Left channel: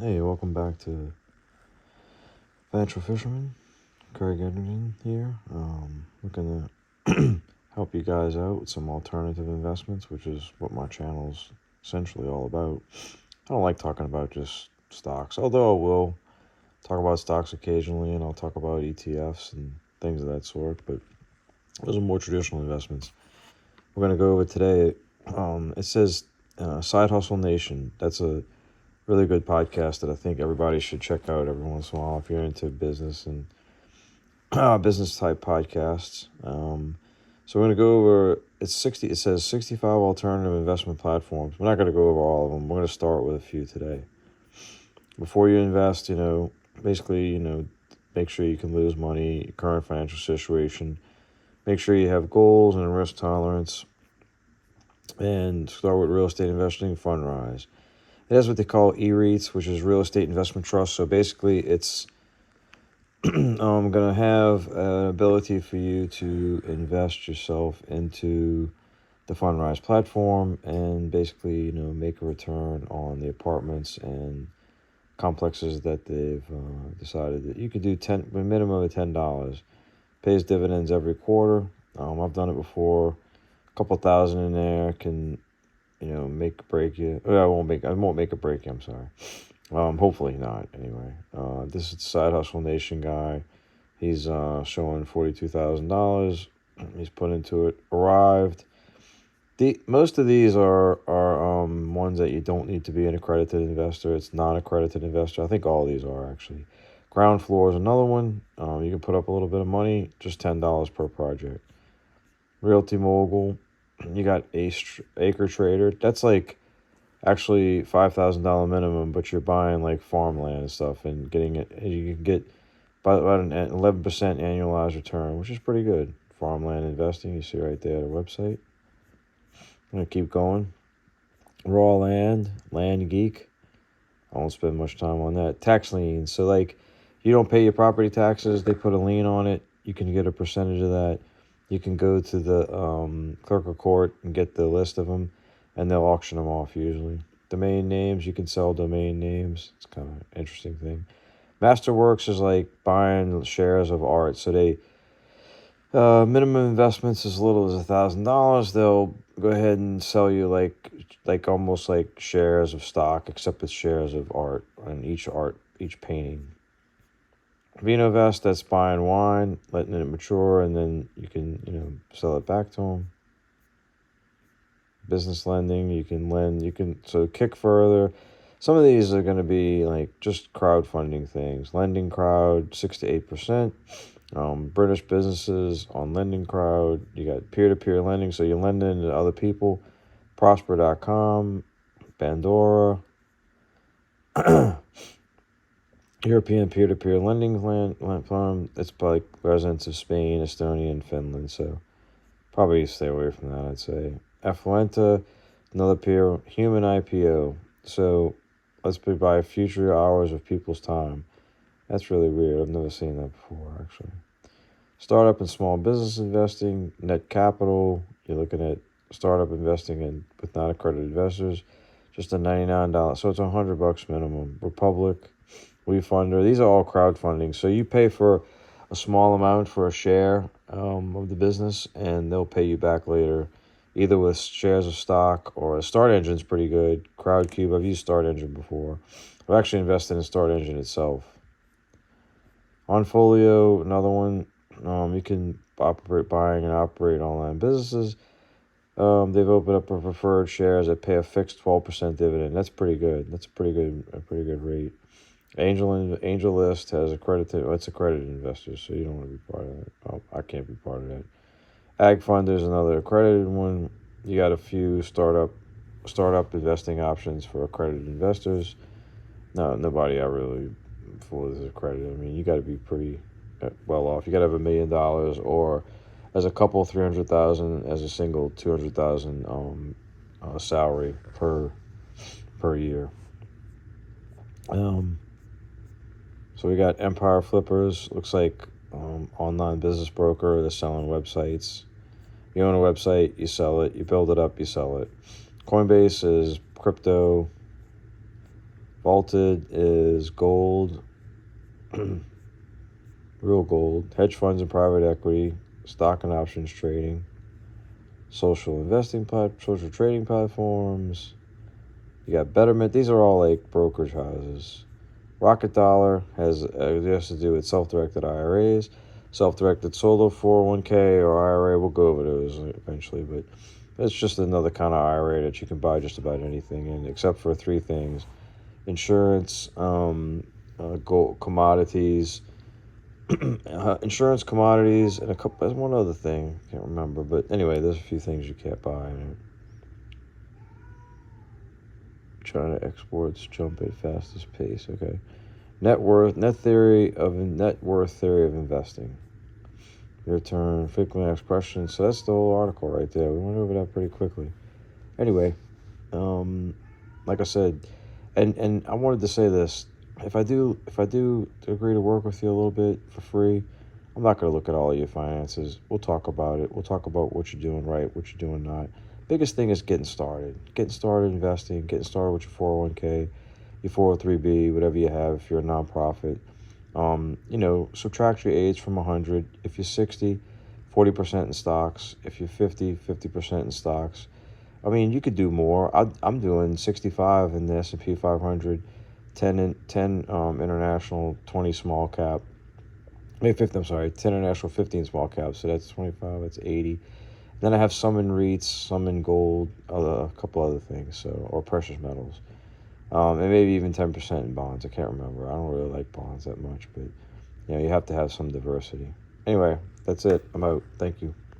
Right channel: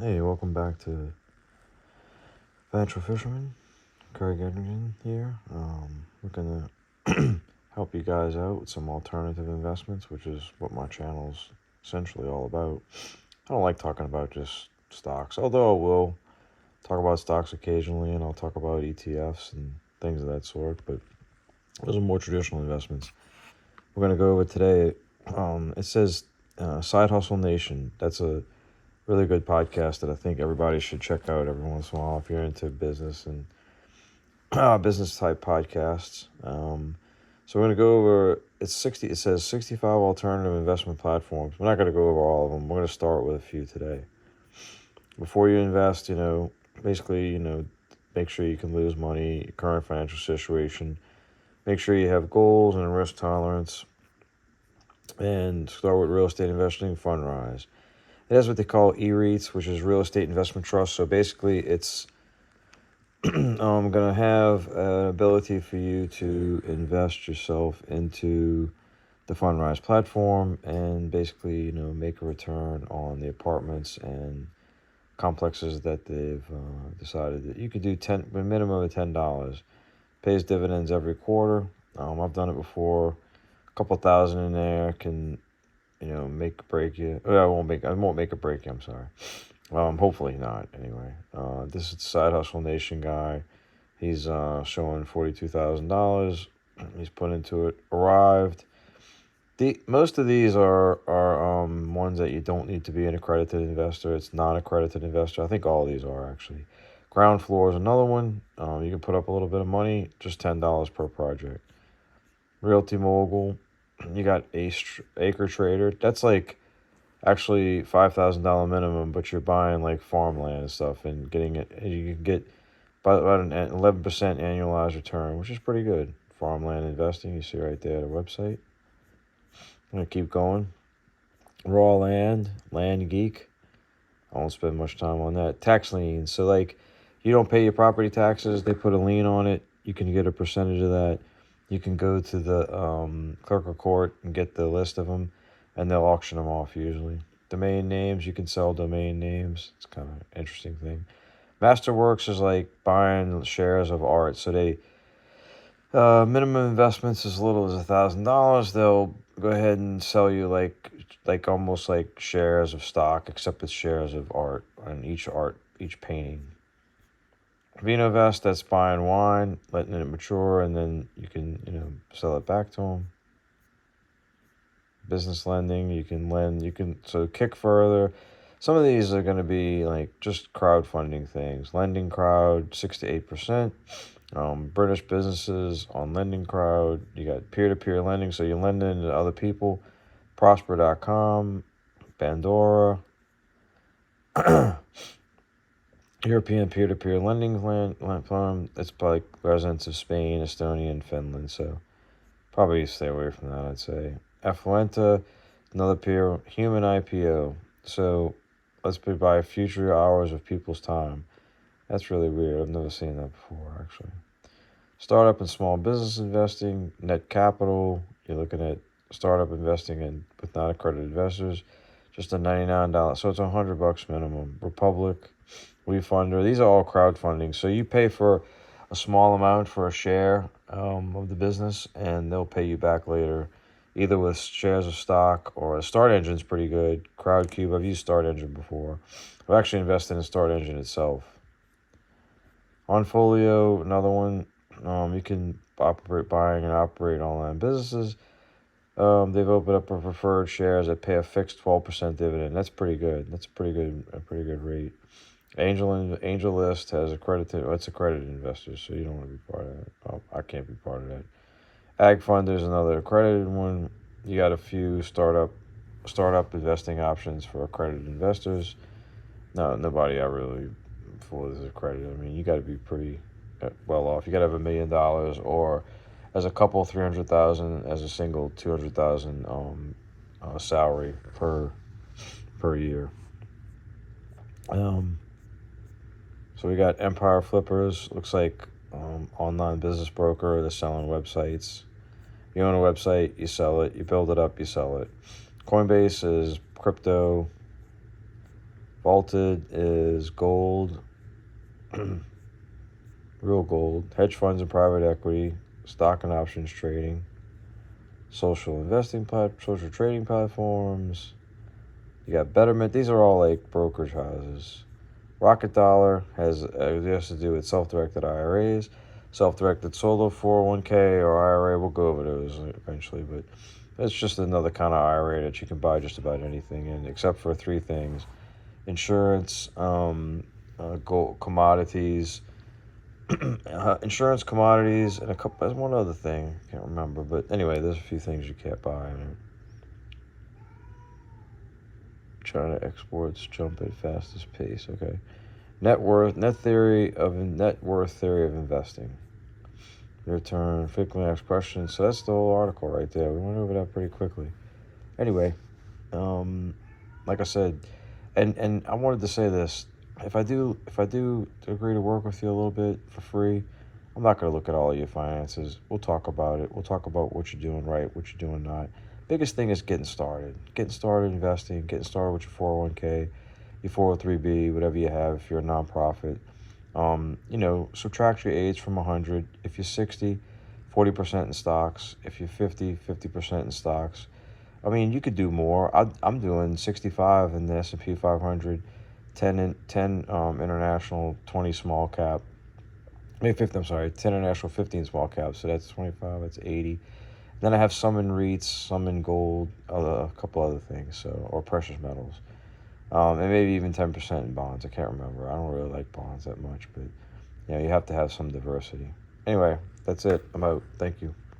Hey, welcome back to Financial Fisherman. Craig Editing here. I'm gonna help you guys out with some alternative investments, which is what my channel is essentially all about. I don't like talking about just stocks, although I will talk about stocks occasionally, and I'll talk about ETFs and things of that sort. But those are more traditional investments. We're gonna go over today. It says Side Hustle Nation. That's a really good podcast that I think everybody should check out every once in a while if you're into business and business type podcasts. So we're gonna go over it's 60. It says 65 alternative investment platforms. We're not gonna go over all of them. We're gonna start with a few today. Before you invest, basically, make sure you can lose money, your current financial situation. Make sure you have goals and risk tolerance. And start with real estate investing, Fundrise. It has what they call E-REITs, which is real estate investment trust. So basically, it's going to have an ability for you to invest yourself into the Fundrise platform and basically, make a return on the apartments and complexes that they've decided that you could do a minimum of $10. Pays dividends every quarter. I've done it before. A couple thousand in there can make or break you. I won't make it break you. I'm sorry. Hopefully not. Anyway, this is the Side Hustle Nation guy. He's showing $42,000. He's put into it. Arrived. Most of these are ones that you don't need to be an accredited investor. It's non-accredited investor. I think all of these are actually. Ground Floor is another one. You can put up a little bit of money, just $10 per project. Realty Mogul. You got Acre Trader. That's like actually $5,000 minimum, but you're buying like farmland and stuff and getting it. You can get about an 11% annualized return, which is pretty good. Farmland investing, you see right there, the website. I'm gonna keep going. Raw Land Geek. I won't spend much time on that. Tax liens. So like, you don't pay your property taxes, they put a lien on it. You can get a percentage of that. You can go to the clerk of court and get the list of them, and they'll auction them off usually. Domain names, you can sell domain names. It's kind of an interesting thing. Masterworks is like buying shares of art. So they minimum investments as little as $1,000. They'll go ahead and sell you like almost like shares of stock, except it's shares of art, and each painting. Vinovest, that's buying wine, letting it mature, and then you can sell it back to them. Business lending, you can so Kick Further. Some of these are going to be like just crowdfunding things. Lending Crowd, 6 to 8%. British businesses on Lending Crowd. You got peer-to-peer lending, so you're lending to other people. Prosper.com, Pandora. European peer-to-peer lending platform. It's like residents of Spain, Estonia, and Finland, so probably stay away from that, I'd say. Affluenta, another peer, human IPO. So let's buy future hours of people's time. That's really weird. I've never seen that before, actually. Startup and small business investing, Net Capital. You're looking at startup investing with non-accredited investors. Just a $99. So it's $100 minimum. Republic, WeFunder. These are all crowdfunding. So you pay for a small amount for a share of the business, and they'll pay you back later, either with shares of stock or Start Engine's pretty good. Crowdcube, I've used Start Engine before. I've actually invested in Start Engine itself. Onfolio, another one. You can buying and operate online businesses. They've opened up a preferred shares that pay a fixed 12% dividend. That's pretty good. That's a pretty good rate. Angel List has it's accredited investors, so you don't want to be part of that. I can't be part of that. Ag Fund is another accredited one. You got a few startup investing options for accredited investors. No, nobody I really for is accredited. I mean, you got to be pretty well off. You got to have $1 million, or as a couple 300,000, as a single 200,000 salary per year. So we got Empire Flippers. Looks like online business broker. They're selling websites. You own a website, you sell it. You build it up, you sell it. Coinbase is crypto. Vaulted is gold, real gold, hedge funds and private equity, stock and options trading, social trading platforms. You got Betterment. These are all like brokerage houses. Rocket Dollar has to do with self-directed IRAs, self-directed solo 401k or IRA. We'll go over those eventually, but it's just another kind of IRA that you can buy just about anything in, except for three things: insurance, gold, commodities, insurance, commodities, and there's one other thing, can't remember, but anyway, there's a few things you can't buy in it. China exports jump at fastest pace. Okay. Net worth theory of investing. Return frequently asked questions. So that's the whole article right there. We went over that pretty quickly. Anyway, like I said, and I wanted to say this. If I do agree to work with you a little bit for free, I'm not going to look at all of your finances. We'll talk about it. We'll talk about what you're doing right, what you're doing not. Biggest thing is getting started. Getting started investing, getting started with your 401k, your 403b, whatever you have if you're a nonprofit. Subtract your age from 100. If you're 60, 40% in stocks. If you're 50, 50% in stocks. I mean, you could do more. I'm doing 65 in the S&P 500, 10 international, 20 small cap. 10 international, 15 small caps. So that's 25, that's 80. Then I have some in REITs, some in gold, a couple other things, or precious metals. And maybe even 10% in bonds. I can't remember. I don't really like bonds that much, but you have to have some diversity. Anyway, that's it. I'm out. Thank you.